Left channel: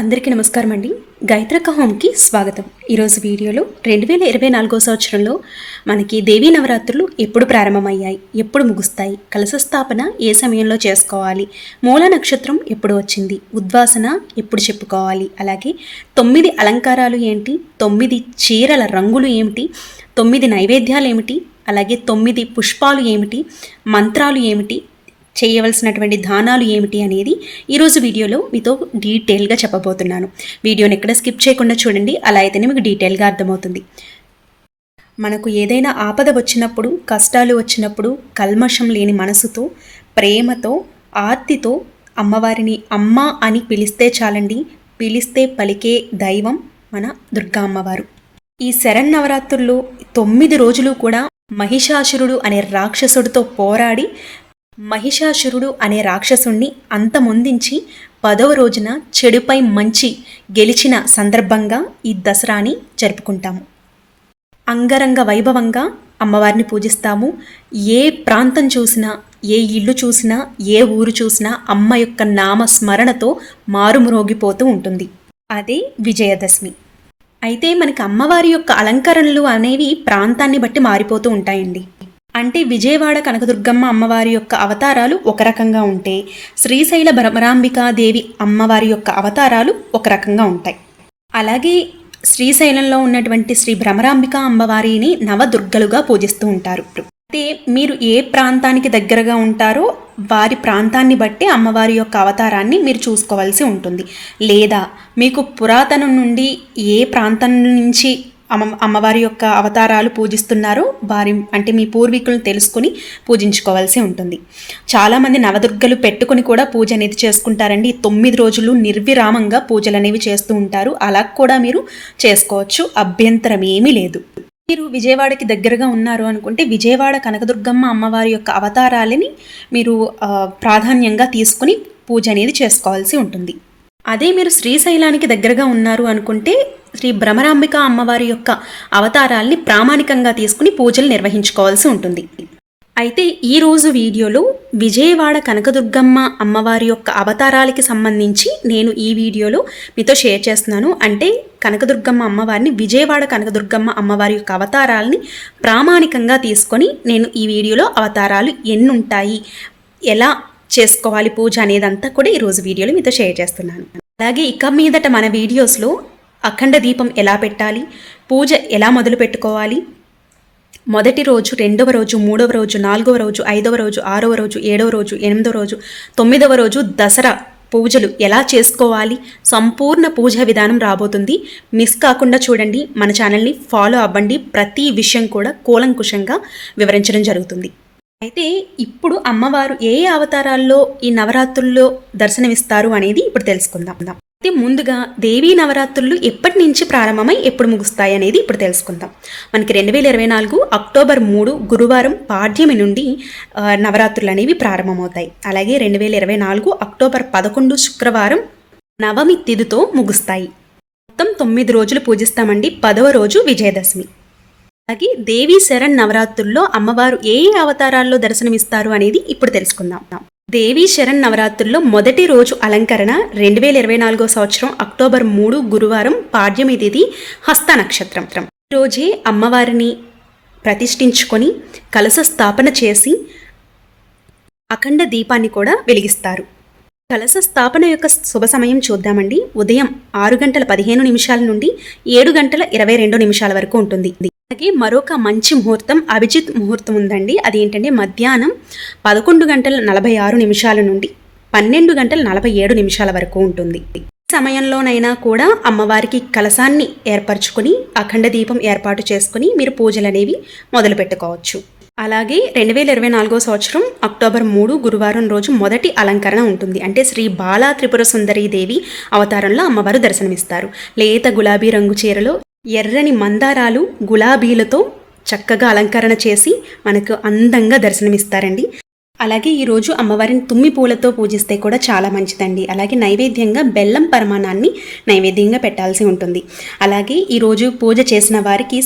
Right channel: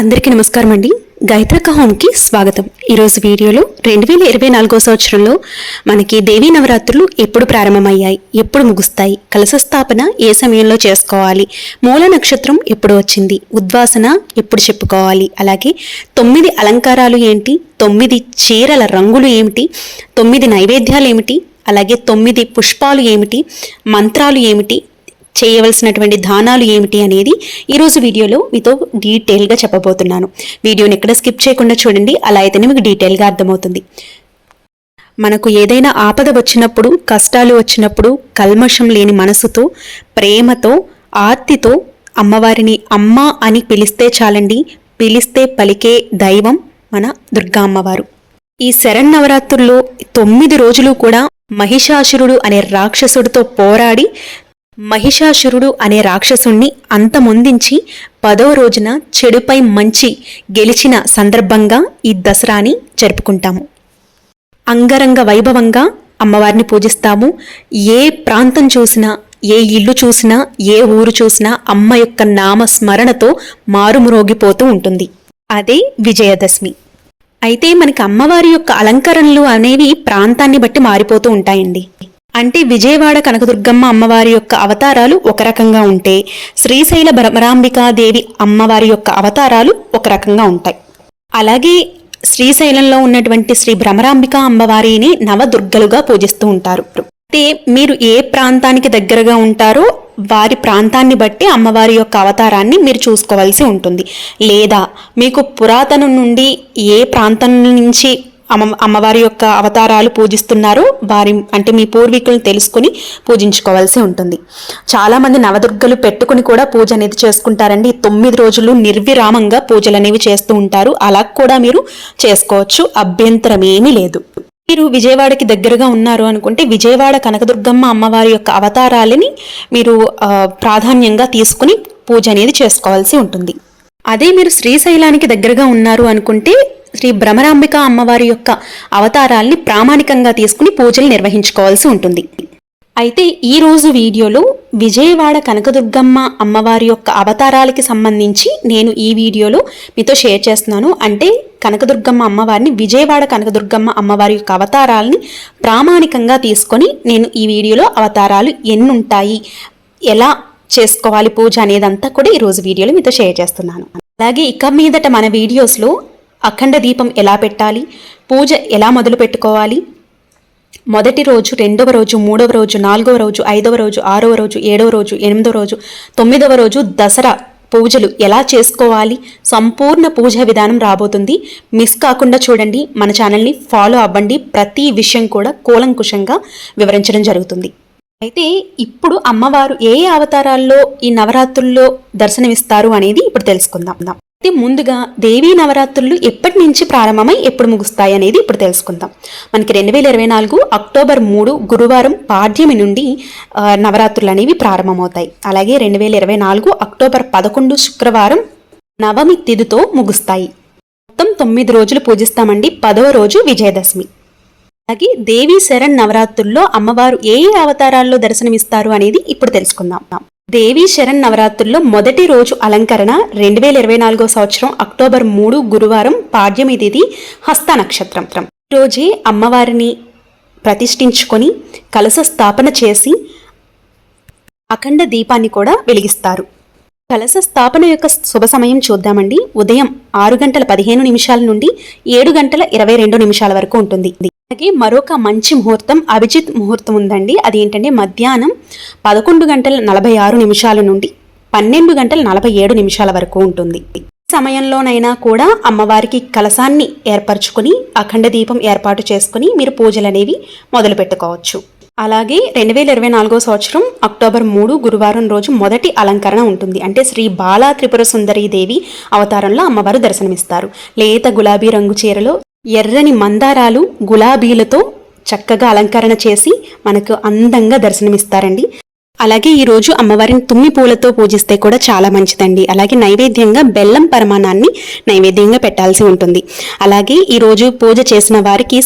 అందరికీ నమస్కారం అండి. గాయత్రక్క హోమ్కి స్వాగతం. ఈరోజు వీడియోలో 2024 సంవత్సరంలో మనకి దేవీ నవరాత్రులు ఎప్పుడు ప్రారంభమయ్యాయి, ఎప్పుడు ముగుస్తాయి, కలశ స్థాపన ఏ సమయంలో చేసుకోవాలి, మూల నక్షత్రం ఎప్పుడు వచ్చింది, ఉద్వాసన ఎప్పుడు చెప్పుకోవాలి, అలాగే 9 అలంకారాలు ఏంటి, 9 చీరల రంగులు ఏమిటి, 9 నైవేద్యాలు ఏమిటి, అలాగే 9 పుష్పాలు ఏమిటి, మంత్రాలు ఏమిటి, చేయవలసినటువంటి దానాలు ఏమిటి అనేది ఈరోజు వీడియోలో మీతో డీటెయిల్గా చెప్పబోతున్నాను. వీడియోని ఎక్కడ స్కిప్ చేయకుండా చూడండి, అలా అయితేనే మీకు డీటెయిల్గా అర్థమవుతుంది. మనకు ఏదైనా ఆపద వచ్చినప్పుడు, కష్టాలు వచ్చినప్పుడు కల్మషం లేని మనసుతో, ప్రేమతో, ఆర్తితో అమ్మవారిని అమ్మ అని పిలిస్తే చాలండి. పిలిస్తే పలికే దైవం మన దుర్గా అమ్మవారు. ఈ శరన్నవరాత్రుల్లో 9 రోజులు కూడా మహిషాసురుడు అనే రాక్షసుడితో పోరాడి మహిషాసురుడు అనే రాక్షసుణ్ణి అంతమొందించి 10వ రోజున చెడుపై మంచి గెలిచిన సందర్భంగా ఈ దసరాని జరుపుకుంటాము. అంగరంగ వైభవంగా అమ్మవారిని పూజిస్తాము. ఏ ప్రాంతం చూసినా, ఏ ఇల్లు చూసినా, ఏ ఊరు చూసినా అమ్మ యొక్క నామ స్మరణతో మారుమ్రోగిపోతూ ఉంటుంది. అదే విజయదశమి. అయితే మనకి అమ్మవారి యొక్క అలంకరణలు అనేవి ప్రాంతాన్ని బట్టి మారిపోతూ ఉంటాయండి. అంటే విజయవాడ కనకదుర్గమ్మ అమ్మవారి యొక్క అవతారాలు ఒక రకంగా ఉంటే, శ్రీశైల భ్రమరాంబికాదేవి అమ్మవారి యొక్క అవతారాలు ఒక రకంగా ఉంటాయి. అలాగే శ్రీశైలంలో ఉన్నటువంటి శ్రీ భ్రమరాంబిక అమ్మవారిని నవదుర్గలుగా పూజిస్తూ ఉంటారు. అంటే మీరు ఏ ప్రాంతానికి దగ్గరగా ఉంటారో వారి ప్రాంతాన్ని బట్టి అమ్మవారి యొక్క అవతారాన్ని మీరు చూసుకోవాల్సి ఉంటుంది. లేదా మీకు పురాతనం నుండి ఏ ప్రాంతం నుంచి అమ్మవారి యొక్క అవతారాలు పూజిస్తున్నారో వారి అంటే మీ పూర్వీకులను తెలుసుకుని పూజించుకోవాల్సి ఉంటుంది. చాలామంది నవదుర్గలు పెట్టుకుని కూడా పూజ అనేది చేసుకుంటారండి. 9 రోజులు నిర్విరామంగా పూజలు అనేవి చేస్తూ ఉంటారు. అలా కూడా మీరు చేసుకోవచ్చు, అభ్యంతరం ఏమీ లేదు. మీరు విజయవాడకి దగ్గరగా ఉన్నారు అనుకుంటే విజయవాడ కనకదుర్గమ్మ అమ్మవారి యొక్క అవతారాలని మీరు ప్రాధాన్యంగా తీసుకుని పూజ అనేది చేసుకోవాల్సి ఉంటుంది. అదే మీరు శ్రీశైలానికి దగ్గరగా ఉన్నారు అనుకుంటే శ్రీ భ్రమరాంబిక అమ్మవారి యొక్క అవతారాల్ని ప్రామాణికంగా తీసుకుని పూజలు నిర్వహించుకోవాల్సి ఉంటుంది. అయితే ఈరోజు వీడియోలో విజయవాడ కనకదుర్గమ్మ అమ్మవారి యొక్క అవతారాలకి సంబంధించి నేను ఈ వీడియోలో మీతో షేర్ చేస్తున్నాను. అంటే కనకదుర్గమ్మ అమ్మవారిని, విజయవాడ కనకదుర్గమ్మ అమ్మవారి యొక్క అవతారాలని ప్రామాణికంగా తీసుకొని నేను ఈ వీడియోలో అవతారాలు ఎన్ని ఉంటాయి, ఎలా చేసుకోవాలి పూజ అనేదంతా కూడా ఈరోజు వీడియోలో మీతో షేర్ చేస్తున్నాను. అలాగే ఇక మీదట మన వీడియోస్లో అఖండ దీపం ఎలా పెట్టాలి, పూజ ఎలా మొదలు పెట్టుకోవాలి, మొదటి రోజు, 2వ రోజు, 3వ రోజు, 4వ రోజు, 5వ రోజు, 6వ రోజు, 7వ రోజు, 8వ రోజు, 9వ రోజు దసరా పూజలు ఎలా చేసుకోవాలి, సంపూర్ణ పూజా విధానం రాబోతుంది. మిస్ కాకుండా చూడండి, మన ఛానల్ని ఫాలో అవ్వండి. ప్రతి విషయం కూడా కూలంకుషంగా వివరించడం జరుగుతుంది. అయితే ఇప్పుడు అమ్మవారు ఏ అవతారాల్లో ఈ నవరాత్రుల్లో దర్శనమిస్తారు అనేది ఇప్పుడు తెలుసుకుందాం. అయితే ముందుగా దేవీ నవరాత్రులు ఎప్పటి నుంచి ప్రారంభమై ఎప్పుడు ముగుస్తాయి అనేది ఇప్పుడు తెలుసుకుందాం. మనకి 2024 అక్టోబర్ 3 గురువారం పాడ్యమి నుండి నవరాత్రులు అనేవి ప్రారంభమవుతాయి. అలాగే 2024 అక్టోబర్ 11 శుక్రవారం నవమి తిథితో ముగుస్తాయి. మొత్తం 9 రోజులు పూజిస్తామండి. 10వ రోజు విజయదశమి. అలాగే దేవీ శరణ్ నవరాత్రుల్లో అమ్మవారు ఏ అవతారాల్లో దర్శనమిస్తారు అనేది ఇప్పుడు తెలుసుకుందాం. దేవీ శరణ్ నవరాత్రుల్లో మొదటి రోజు అలంకరణ 2024 సంవత్సరం అక్టోబర్ 3 గురువారం పాడ్యమి తిథి హస్త నక్షత్రం. రోజే అమ్మవారిని ప్రతిష్ఠించుకొని కలశ స్థాపన చేసి అఖండ దీపాన్ని కూడా వెలిగిస్తారు. కలశ స్థాపన యొక్క శుభ సమయం చూద్దామండి. ఉదయం 6:15 నుండి 7:22 వరకు ఉంటుంది. అలాగే మరొక మంచి ముహూర్తం అభిజిత్ ముహూర్తం ఉందండి. అదేంటంటే మధ్యాహ్నం 11:46 నుండి 12:47 వరకు ఉంటుంది. ఈ సమయంలోనైనా కూడా అమ్మవారికి కలశాన్ని ఏర్పరచుకొని అఖండ దీపం ఏర్పాటు చేసుకుని మీరు పూజలు అనేవి మొదలు పెట్టుకోవచ్చు. అలాగే 2024 సంవత్సరం అక్టోబర్ 3 గురువారం రోజు మొదటి అలంకరణ ఉంటుంది. అంటే శ్రీ బాలా త్రిపుర సుందరీ దేవి అవతారంలో అమ్మవారు దర్శనమిస్తారు. లేత గులాబీ రంగు చీరలో ఎర్రని మందారాలు, గులాబీలతో చక్కగా అలంకరణ చేసి మనకు అందంగా దర్శనమిస్తారండి. అలాగే ఈరోజు అమ్మవారిని తుమ్మి పూలతో పూజిస్తే కూడా చాలా మంచిదండి. అలాగే నైవేద్యంగా బెల్లం పరమాణాన్ని నైవేద్యంగా పెట్టాల్సి ఉంటుంది. అలాగే ఈరోజు పూజ చేసిన వారికి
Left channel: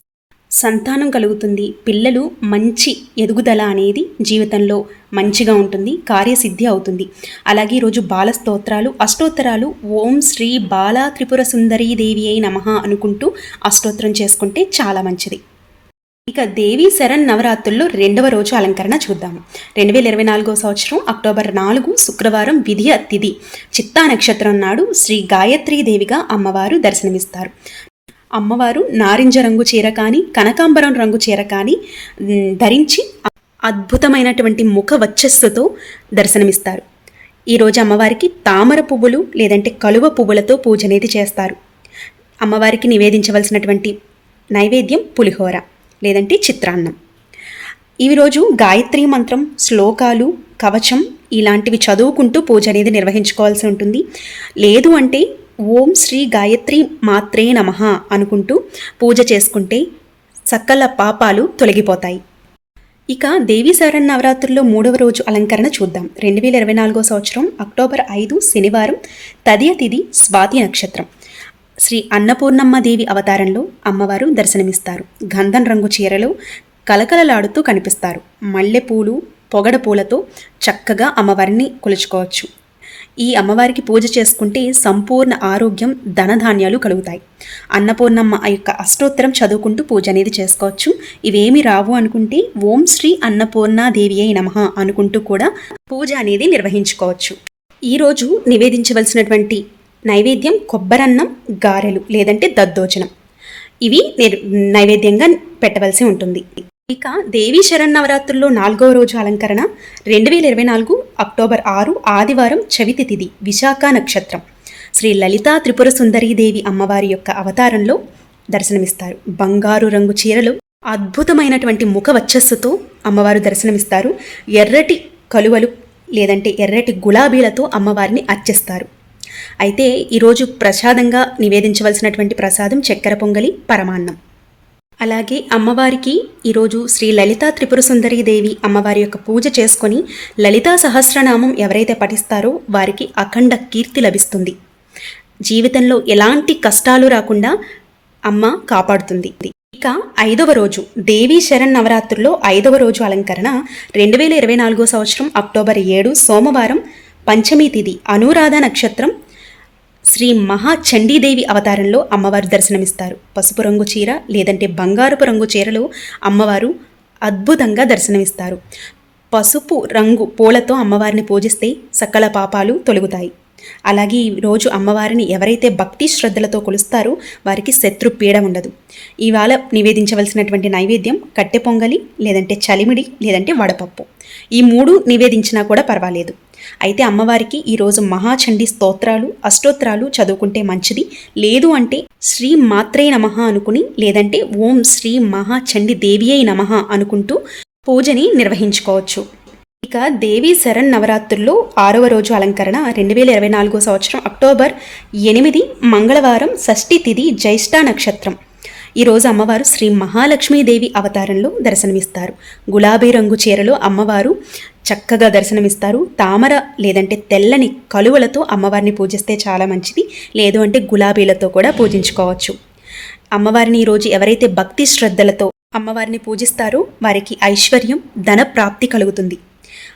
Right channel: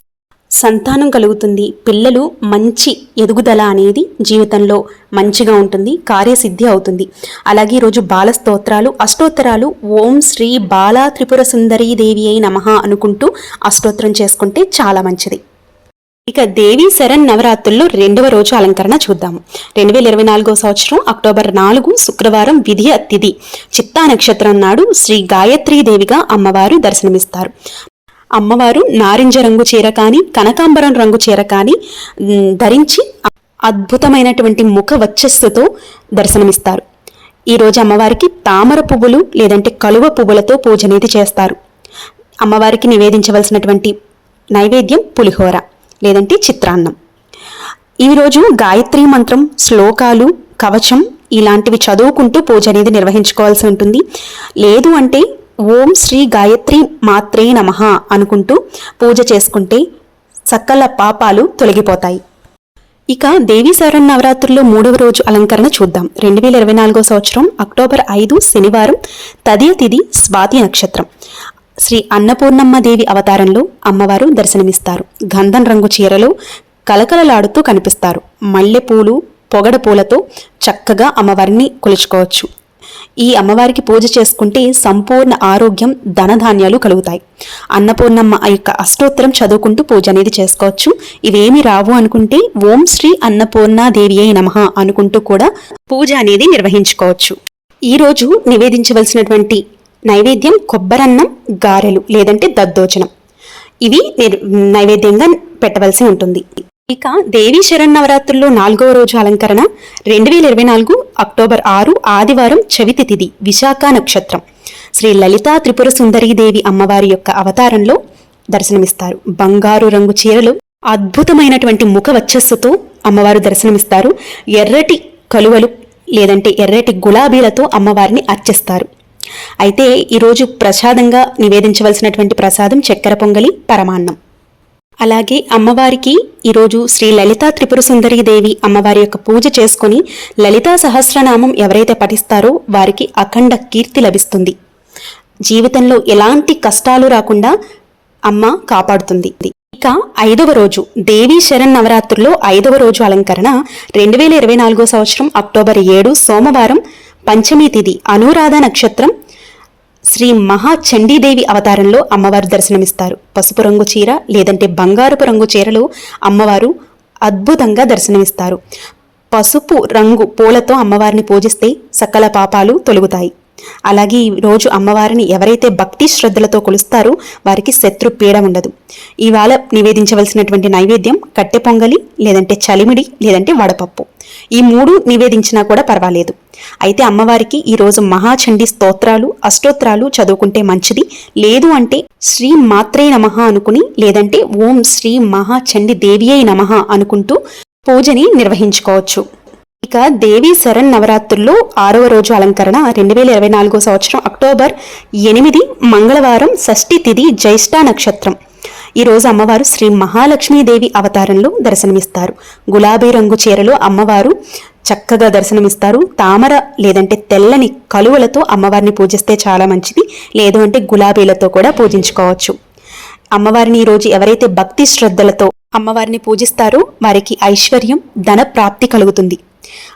సంతానం కలుగుతుంది, పిల్లలు మంచి ఎదుగుదల అనేది జీవితంలో మంచిగా ఉంటుంది, కార్యసిద్ధి అవుతుంది. అలాగే ఈరోజు బాల స్తోత్రాలు, అష్టోత్తరాలు ఓం శ్రీ బాలా త్రిపుర సుందరీ దేవి అయి నమః అనుకుంటూ అష్టోత్తరం చేసుకుంటే చాలా మంచిది. ఇక దేవీ శరణ్ నవరాత్రుల్లో 2వ రోజు అలంకరణ చూద్దాము. 2024 సంవత్సరం అక్టోబర్ 4 శుక్రవారం విధియ తిథి చిత్తా నక్షత్రం నాడు శ్రీ గాయత్రీ దేవిగా అమ్మవారు దర్శనమిస్తారు. అమ్మవారు నారింజ రంగు చీర కానీ కనకాంబరం రంగు చీర కానీ ధరించి అద్భుతమైనటువంటి ముఖ వచ్చస్సుతో దర్శనమిస్తారు. ఈరోజు అమ్మవారికి తామర పువ్వులు లేదంటే కలువ పువ్వులతో పూజ అనేది చేస్తారు. అమ్మవారికి నివేదించవలసినటువంటి నైవేద్యం పులిహోర లేదంటే చిత్రాన్నం. ఈరోజు గాయత్రీ మంత్రం, శ్లోకాలు, కవచం ఇలాంటివి చదువుకుంటూ పూజ అనేది నిర్వహించుకోవాల్సి ఉంటుంది. లేదు అంటే ఓం శ్రీ గాయత్రి మాత్రే నమః అనుకుంటూ పూజ చేసుకుంటే సకల పాపాలు తొలగిపోతాయి. ఇక దేవీ శరన్నవరాత్రుల్లో 3వ రోజు అలంకరణ చూద్దాం. 2024 సంవత్సరం అక్టోబర్ 5 శనివారం తదియ తిథి స్వాతి నక్షత్రం. శ్రీ అన్నపూర్ణమ్మ దేవి అవతారంలో అమ్మవారు దర్శనమిస్తారు. గంధం రంగు చీరలో కలకలలాడుతూ కనిపిస్తారు. మల్లెపూలు, పొగడ పూలతో చక్కగా అమ్మవారిని కొలుచుకోవచ్చు. ఈ అమ్మవారికి పూజ చేసుకుంటే సంపూర్ణ ఆరోగ్యం, ధనధాన్యాలు కలుగుతాయి. అన్నపూర్ణమ్మ యొక్క అష్టోత్తరం చదువుకుంటూ పూజ అనేది చేసుకోవచ్చు. ఇవేమి రావు అనుకుంటే ఓం శ్రీ అన్నపూర్ణాదేవి అయి నమః అనుకుంటూ కూడా పూజ అనేది నిర్వహించుకోవచ్చు. ఈరోజు నివేదించవలసినటువంటి నైవేద్యం కొబ్బరన్నం, గారెలు లేదంటే దద్దోజనం ఇవి నైవేద్యంగా పెట్టవలసి ఉంటుంది. ఇక దేవీ శరన్నవరాత్రుల్లో 4వ రోజు అలంకరణ 2024 అక్టోబర్ 6 ఆదివారం చవితి తిథి విశాఖ నక్షత్రం. శ్రీ లలితా త్రిపుర సుందరీ దేవి అమ్మవారి యొక్క అవతారంలో దర్శనమిస్తారు. బంగారు రంగు చీరలు అద్భుతమైనటువంటి ముఖ వచ్చస్సుతో అమ్మవారు దర్శనమిస్తారు. ఎర్రటి కలువలు లేదంటే ఎర్రటి గులాబీలతో అమ్మవారిని అర్చిస్తారు. అయితే ఈరోజు ప్రసాదంగా నివేదించవలసినటువంటి ప్రసాదం చక్కెర పొంగలి, పరమాన్నం. అలాగే అమ్మవారికి ఈరోజు శ్రీ లలితా త్రిపుర సుందరీ దేవి అమ్మవారి యొక్క పూజ చేసుకొని లలితా సహస్రనామం ఎవరైతే పఠిస్తారో వారికి అఖండ కీర్తి లభిస్తుంది. జీవితంలో ఎలాంటి కష్టాలు రాకుండా అమ్మ కాపాడుతుంది. ఇక 5వ రోజు దేవీ శరన్నవరాత్రుల్లో 5వ రోజు అలంకరణ 2024 సంవత్సరం అక్టోబర్ 7 సోమవారం పంచమీ తిథి అనురాధ నక్షత్రం. శ్రీ మహాచండీదేవి అవతారంలో అమ్మవారు దర్శనమిస్తారు. పసుపు రంగు చీర లేదంటే బంగారపు రంగు చీరలో అమ్మవారు అద్భుతంగా దర్శనమిస్తారు. పసుపు రంగు పూలతో అమ్మవారిని పూజిస్తే సకల పాపాలు తొలగుతాయి. అలాగే ఈరోజు అమ్మవారిని ఎవరైతే భక్తి శ్రద్ధలతో కొలుస్తారో వారికి శత్రు పీడ ఉండదు. ఇవాళ నివేదించవలసినటువంటి నైవేద్యం కట్టె పొంగలి లేదంటే చలిమిడి లేదంటే వడపప్పు. ఈ 3 నివేదించినా కూడా పర్వాలేదు. అయితే అమ్మవారికి ఈరోజు మహాచండీ స్తోత్రాలు, అష్టోత్తరాలు చదువుకుంటే మంచిది. లేదు అంటే శ్రీ మాత్రే నమః అనుకుని లేదంటే ఓం శ్రీ మహాచండీ దేవి అయి నమః అనుకుంటూ పూజని నిర్వహించుకోవచ్చు. ఇక దేవీ శరణ్ నవరాత్రుల్లో 6వ రోజు అలంకరణ 2024 సంవత్సరం అక్టోబర్ 8 మంగళవారం షష్ఠి తిథి జ్యేష్ఠ నక్షత్రం. ఈరోజు అమ్మవారు శ్రీ మహాలక్ష్మీదేవి అవతారంలో దర్శనమిస్తారు. గులాబీ రంగు చీరలో అమ్మవారు చక్కగా దర్శనమిస్తారు. తామర లేదంటే తెల్లని కలువలతో అమ్మవారిని పూజిస్తే చాలా మంచిది. లేదు అంటే గులాబీలతో కూడా పూజించుకోవచ్చు. అమ్మవారిని ఈరోజు ఎవరైతే భక్తి శ్రద్ధలతో అమ్మవారిని పూజిస్తారో వారికి ఐశ్వర్యం, ధన ప్రాప్తి కలుగుతుంది.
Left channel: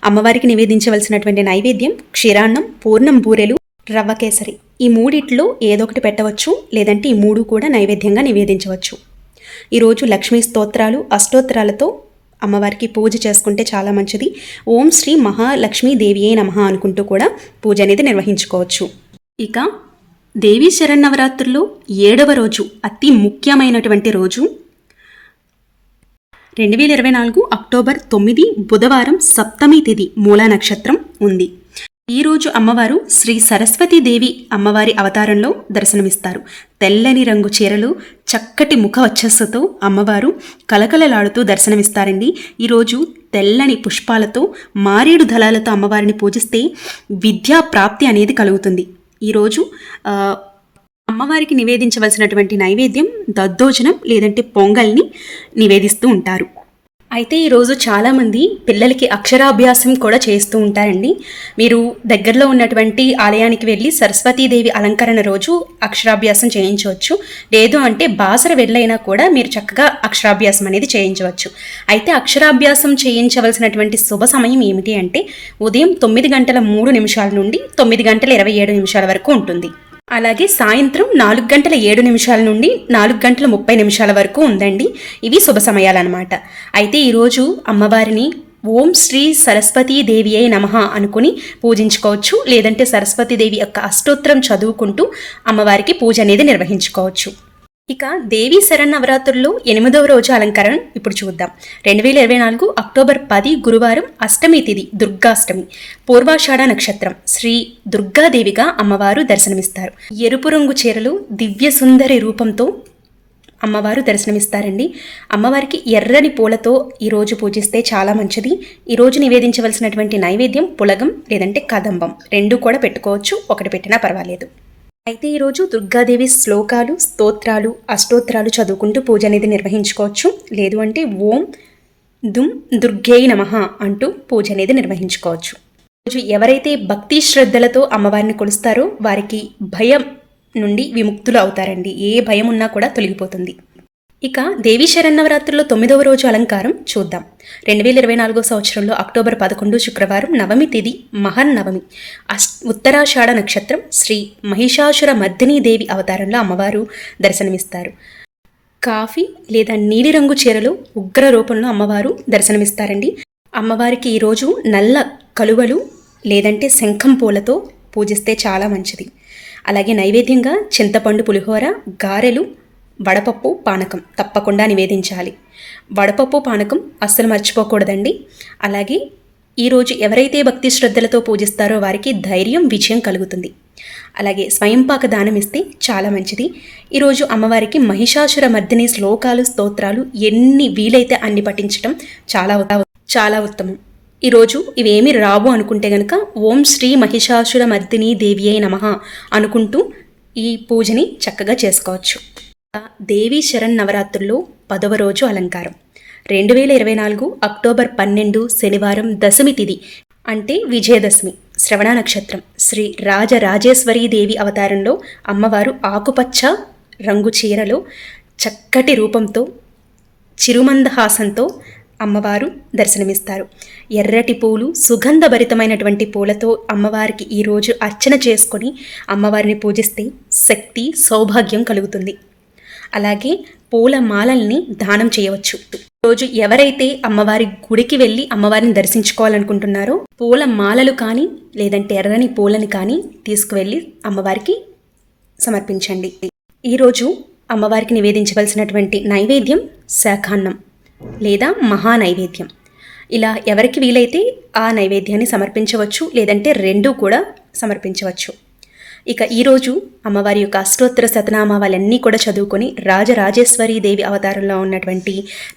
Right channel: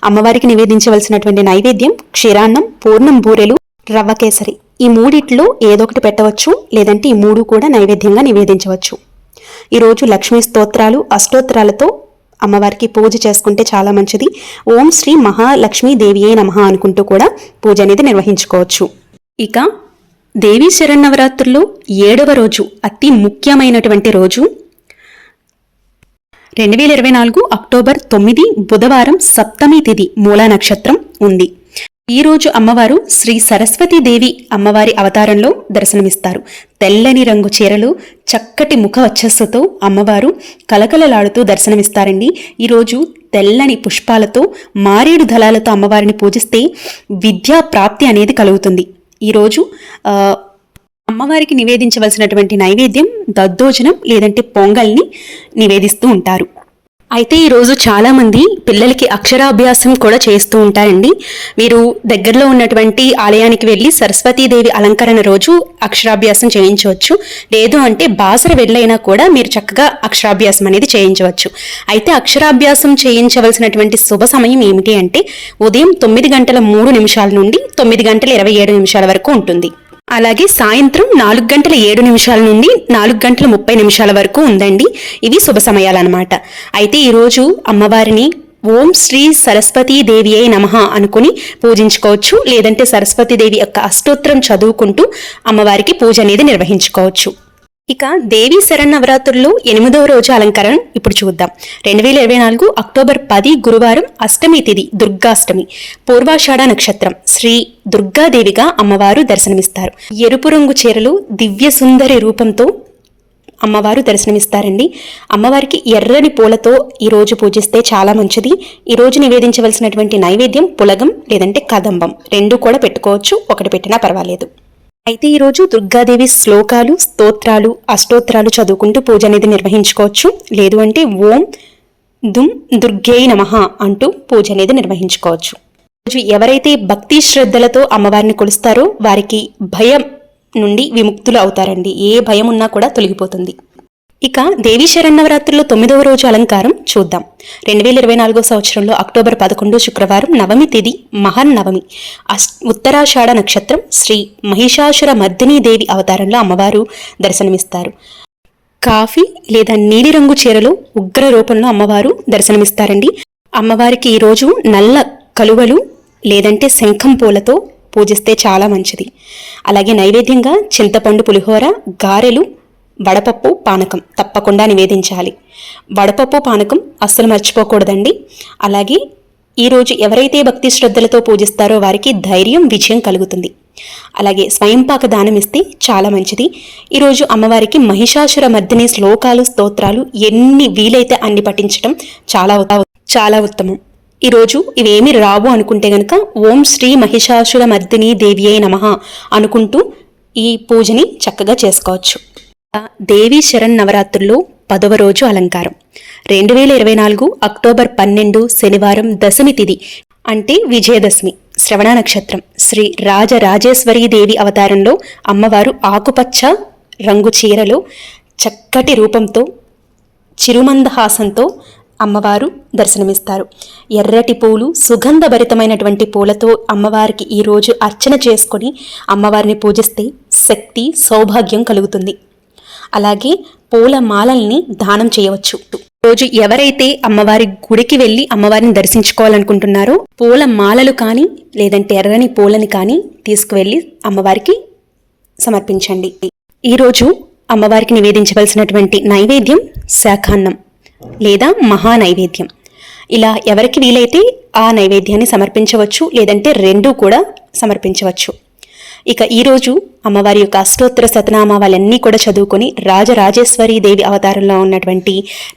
అమ్మవారికి నివేదించవలసినటువంటి నైవేద్యం క్షీరాన్నం, పూర్ణం బూరెలు, రవ్వ కేసరి. ఈ 3 ఏదో ఒకటి పెట్టవచ్చు. లేదంటే ఈ 3 కూడా నైవేద్యంగా నివేదించవచ్చు. ఈరోజు లక్ష్మీ స్తోత్రాలు, అష్టోత్తరాలతో అమ్మవారికి పూజ చేసుకుంటే చాలా మంచిది. ఓం శ్రీ మహాలక్ష్మీ దేవియే నమః అనుకుంటూ కూడా పూజ అనేది నిర్వహించుకోవచ్చు. ఇక దేవీ శరన్నవరాత్రుల్లో 7వ రోజు అతి ముఖ్యమైనటువంటి రోజు 2024 అక్టోబర్ 9 బుధవారం సప్తమి తిథి మూలా నక్షత్రం ఉంది. ఈరోజు అమ్మవారు శ్రీ సరస్వతీదేవి అమ్మవారి అవతారంలో దర్శనమిస్తారు. తెల్లని రంగు చీరలు, చక్కటి ముఖ వచ్చస్సుతో అమ్మవారు కలకలలాడుతూ దర్శనమిస్తారండి. ఈరోజు తెల్లని పుష్పాలతో, మారేడు దళాలతో అమ్మవారిని పూజిస్తే విద్యా ప్రాప్తి అనేది కలుగుతుంది. ఈరోజు అమ్మవారికి నివేదించవలసినటువంటి నైవేద్యం దద్దోజనం లేదంటే పొంగల్ని నివేదిస్తూ ఉంటారు. అయితే ఈరోజు చాలామంది పిల్లలకి అక్షరాభ్యాసం కూడా చేస్తూ ఉంటారండి. మీరు దగ్గరలో ఉన్నటువంటి ఆలయానికి వెళ్ళి సరస్వతీదేవి అలంకరణ రోజు అక్షరాభ్యాసం చేయించవచ్చు. లేదు అంటే బాసర వెళ్ళైనా కూడా మీరు చక్కగా అక్షరాభ్యాసం అనేది చేయించవచ్చు. అయితే అక్షరాభ్యాసం చేయించవలసినటువంటి శుభ సమయం ఏమిటి అంటే ఉదయం 9:03 నుండి 9:27 వరకు ఉంటుంది. అలాగే సాయంత్రం 4:07 నుండి 4:30 వరకు ఉందండి. ఇవి శుభ సమయాలన్నమాట. అయితే ఈరోజు అమ్మవారిని ఓం శ్రీ సరస్వతీదేవి అయి నమః అనుకుని పూజించుకోవచ్చు. లేదంటే సరస్వతీదేవి యొక్క అష్టోత్తరం చదువుకుంటూ అమ్మవారికి పూజ అనేది నిర్వహించుకోవచ్చు. ఇక దేవీ శరన్నవరాత్రుల్లో 8వ రోజు అలంకరణ ఇప్పుడు చూద్దాం. 2024 అక్టోబర్ 10 గురువారం, అష్టమి తిథి దుర్గాష్టమి, పూర్వాషాఢ నక్షత్రం. శ్రీ దుర్గాదేవిగా అమ్మవారు దర్శనమిస్తారు. ఎరుపు రంగు చీరలు, దివ్య సుందరి రూపంతో అమ్మవారు దర్శనమిస్తారండి. అమ్మవారికి ఎర్రని పూలతో ఈరోజు పూజిస్తే చాలా మంచిది. ఈరోజు నివేదించవలసినటువంటి నైవేద్యం పులగం లేదంటే కదంబం, 2 కూడా పెట్టుకోవచ్చు, ఒకటి పెట్టినా పర్వాలేదు. అయితే ఈరోజు దుర్గాదేవి శ్లోకాలు, స్తోత్రాలు, అష్టోత్తరాలు చదువుకుంటూ పూజ అనేది నిర్వహించుకోవచ్చు. లేదు అంటే ఓం దుమ్ దుర్గేయ నమః అంటూ పూజ అనేది నిర్వహించుకోవచ్చు. ఈరోజు ఎవరైతే భక్తి శ్రద్ధలతో అమ్మవారిని కొలుస్తారో వారికి భయం నుండి విముక్తులు అవుతారండి. ఏ భయం ఉన్నా కూడా తొలగిపోతుంది. ఇక దేవీ శరన్నవరాత్రుల్లో 9వ రోజు అలంకారం చూద్దాం. 2024 సంవత్సరంలో అక్టోబర్ 11 శుక్రవారం, నవమి తిథి మహన్నవమి, ఉత్తరాషాఢ నక్షత్రం. శ్రీ మహిషాసుర మర్దినీ దేవి అవతారంలో అమ్మవారు దర్శనమిస్తారు. కాఫీ లేదా నీలిరంగు చీరలో ఉగ్ర రూపంలో అమ్మవారు దర్శనమిస్తారండి. అమ్మవారికి ఈరోజు నల్ల కలువలు లేదంటే శంఖం పూలతో పూజిస్తే చాలా మంచిది. అలాగే నైవేద్యంగా చింతపండు పులిహోర, గారెలు, వడపప్పు, పానకం తప్పకుండా నివేదించాలి. వడపప్పు, పానకం అస్సలు మర్చిపోకూడదండి. అలాగే ఈరోజు ఎవరైతే భక్తి శ్రద్ధలతో పూజిస్తారో వారికి ధైర్యం, విజయం కలుగుతుంది. అలాగే స్వయంపాక దానం ఇస్తే చాలా మంచిది. ఈరోజు అమ్మవారికి మహిషాసుర మర్దిని శ్లోకాలు, స్తోత్రాలు ఎన్ని వీలైతే అన్ని పఠించడం చాలా ఉత్తమం. ఈరోజు ఇవేమి రావు అనుకుంటే గనక ఓం శ్రీ మహిషాసుర మర్దిని దేవి అయి నమః అనుకుంటూ ఈ పూజని చక్కగా చేసుకోవచ్చు. దేవీ శరన్నవరాత్రుల్లో 10వ రోజు అలంకారం. 2024 అక్టోబర్ 12 శనివారం, దశమి తిథి అంటే విజయదశమి, శ్రవణ నక్షత్రం. శ్రీ రాజరాజేశ్వరీ దేవి అవతారంలో అమ్మవారు ఆకుపచ్చ రంగు చీరలో చక్కటి రూపంతో చిరుమందహాసంతో అమ్మవారు దర్శనమిస్తారు. ఎర్రటి పూలు, సుగంధభరితమైనటువంటి పూలతో అమ్మవారికి ఈరోజు అర్చన చేసుకొని అమ్మవారిని పూజిస్తే శక్తి, సౌభాగ్యం కలుగుతుంది. అలాగే పూల మాలల్ని దానం చేయవచ్చు. రోజు ఎవరైతే అమ్మవారి గుడికి వెళ్ళి అమ్మవారిని దర్శించుకోవాలనుకుంటున్నారో పూల మాలలు కానీ లేదంటే ఎర్రని పూలని కానీ తీసుకువెళ్ళి అమ్మవారికి సమర్పించండి. ఈరోజు అమ్మవారికి నివేదించవలసినటువంటి నైవేద్యం శాఖాన్నం లేదా మహా నైవేద్యం. ఇలా ఎవరికి వీలైతే ఆ నైవేద్యాన్ని సమర్పించవచ్చు, లేదంటే 2 కూడా సమర్పించవచ్చు. ఇక ఈరోజు అమ్మవారి యొక్క అష్టోత్తర శతనామావళన్నీ కూడా చదువుకొని రాజరాజేశ్వరి దేవి అవతారంలో ఉన్నటువంటి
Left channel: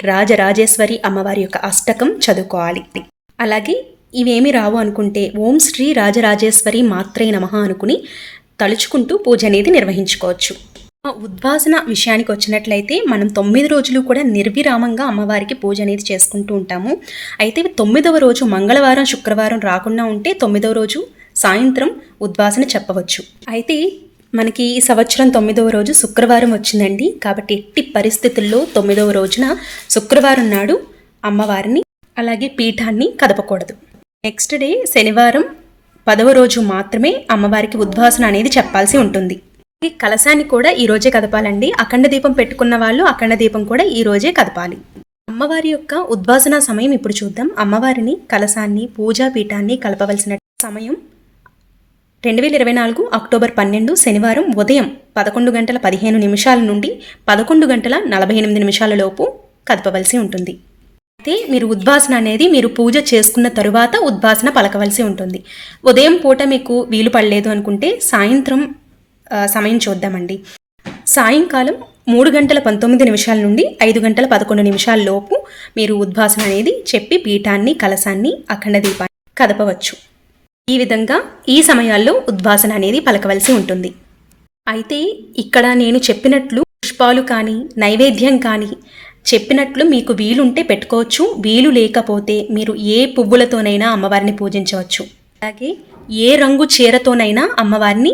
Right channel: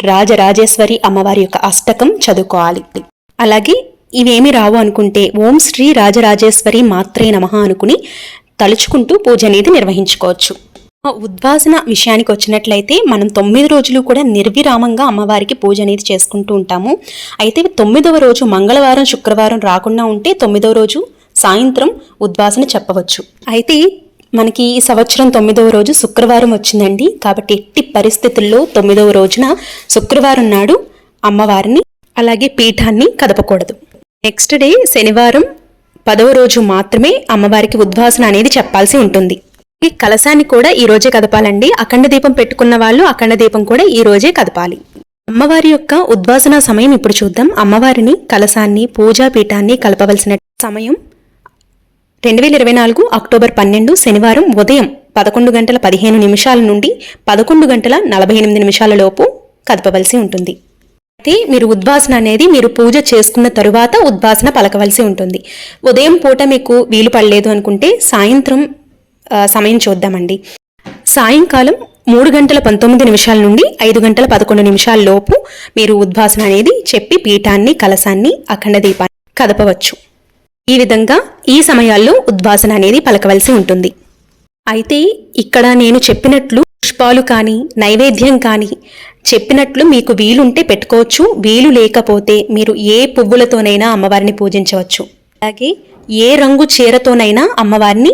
రాజరాజేశ్వరి అమ్మవారి యొక్క అష్టకం చదువుకోవాలి. అలాగే ఇవేమి రావు అనుకుంటే ఓం శ్రీ రాజరాజేశ్వరి మాత్రే నమః అనుకుని తలుచుకుంటూ పూజ అనేది నిర్వహించుకోవచ్చు. ఉద్వాసన విషయానికి వచ్చినట్లయితే మనం 9 రోజులు కూడా నిర్విరామంగా అమ్మవారికి పూజ అనేది చేసుకుంటూ ఉంటాము. అయితే 9వ రోజు మంగళవారం, శుక్రవారం రాకుండా ఉంటే 9వ రోజు సాయంత్రం ఉద్వాసన చెప్పవచ్చు. అయితే మనకి ఈ సంవత్సరం 9వ రోజు శుక్రవారం వచ్చిందండి. కాబట్టి ఎట్టి పరిస్థితుల్లో 9వ రోజున శుక్రవారం నాడు అమ్మవారిని అలాగే పీఠాన్ని కదపకూడదు. నెక్స్ట్ డే శనివారం 10వ రోజు మాత్రమే అమ్మవారికి ఉద్వాసన అనేది చెప్పాల్సి ఉంటుంది. ఈ కలశాన్ని కూడా ఈ రోజే కదపాలండి. అఖండ దీపం పెట్టుకున్న వాళ్ళు అఖండ దీపం కూడా ఈ రోజే కదపాలి. అమ్మవారి యొక్క ఉద్వాసన సమయం ఇప్పుడు చూద్దాం. అమ్మవారిని, కలశాన్ని, పూజా పీఠాన్ని కలపవలసిన సమయం 2024 అక్టోబర్ 12 శనివారం ఉదయం 11:15 నుండి 11:48 లోపు కదపవలసి ఉంటుంది. అయితే మీరు ఉద్వాసన అనేది మీరు పూజ చేసుకున్న తరువాత ఉద్వాసన పలకవలసి ఉంటుంది. ఉదయం పూట మీకు వీలు పడలేదు అనుకుంటే సాయంత్రం సమయం చూద్దామండి. సాయంకాలం 3:19 నుండి 5:11 లోపు మీరు ఉద్వాసన అనేది చెప్పి పీఠాన్ని, కలశాన్ని, అఖండ దీపాన్ని కదపవచ్చు. ఈ విధంగా ఈ సమయాల్లో ఉద్వాసన అనేది పలకవలసి ఉంటుంది. అయితే ఇక్కడ నేను చెప్పినట్లు పుష్పాలు కానీ, నైవేద్యం కానీ చెప్పినట్లు మీకు వీలుంటే పెట్టుకోవచ్చు, వీలు లేకపోతే మీరు ఏ పువ్వులతోనైనా అమ్మవారిని పూజించవచ్చు. అలాగే ఏ రంగు చీరతోనైనా అమ్మవారిని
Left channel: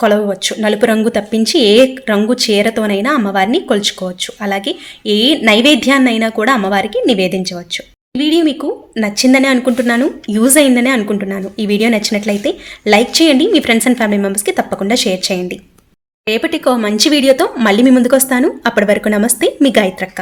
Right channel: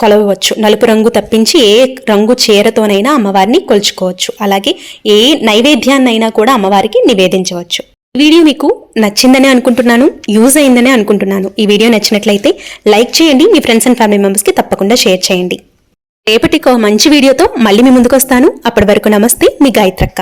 కొలవవచ్చు. నలుపు రంగు తప్పించి ఏ రంగు చీరతోనైనా అమ్మవారిని కొలుచుకోవచ్చు. అలాగే ఏ నైవేద్యాన్నైనా కూడా అమ్మవారికి నివేదించవచ్చు. ఈ వీడియో మీకు నచ్చిందని అనుకుంటున్నాను, యూజ్ అయిందని అనుకుంటున్నాను. ఈ వీడియో నచ్చినట్లయితే లైక్ చేయండి, మీ ఫ్రెండ్స్ అండ్ ఫ్యామిలీ మెంబర్స్కి తప్పకుండా షేర్ చేయండి. రేపటి మంచి వీడియోతో మళ్ళీ మీ ముందుకు వస్తాను. అప్పటి వరకు నమస్తే, మీ గాయత్రక్క.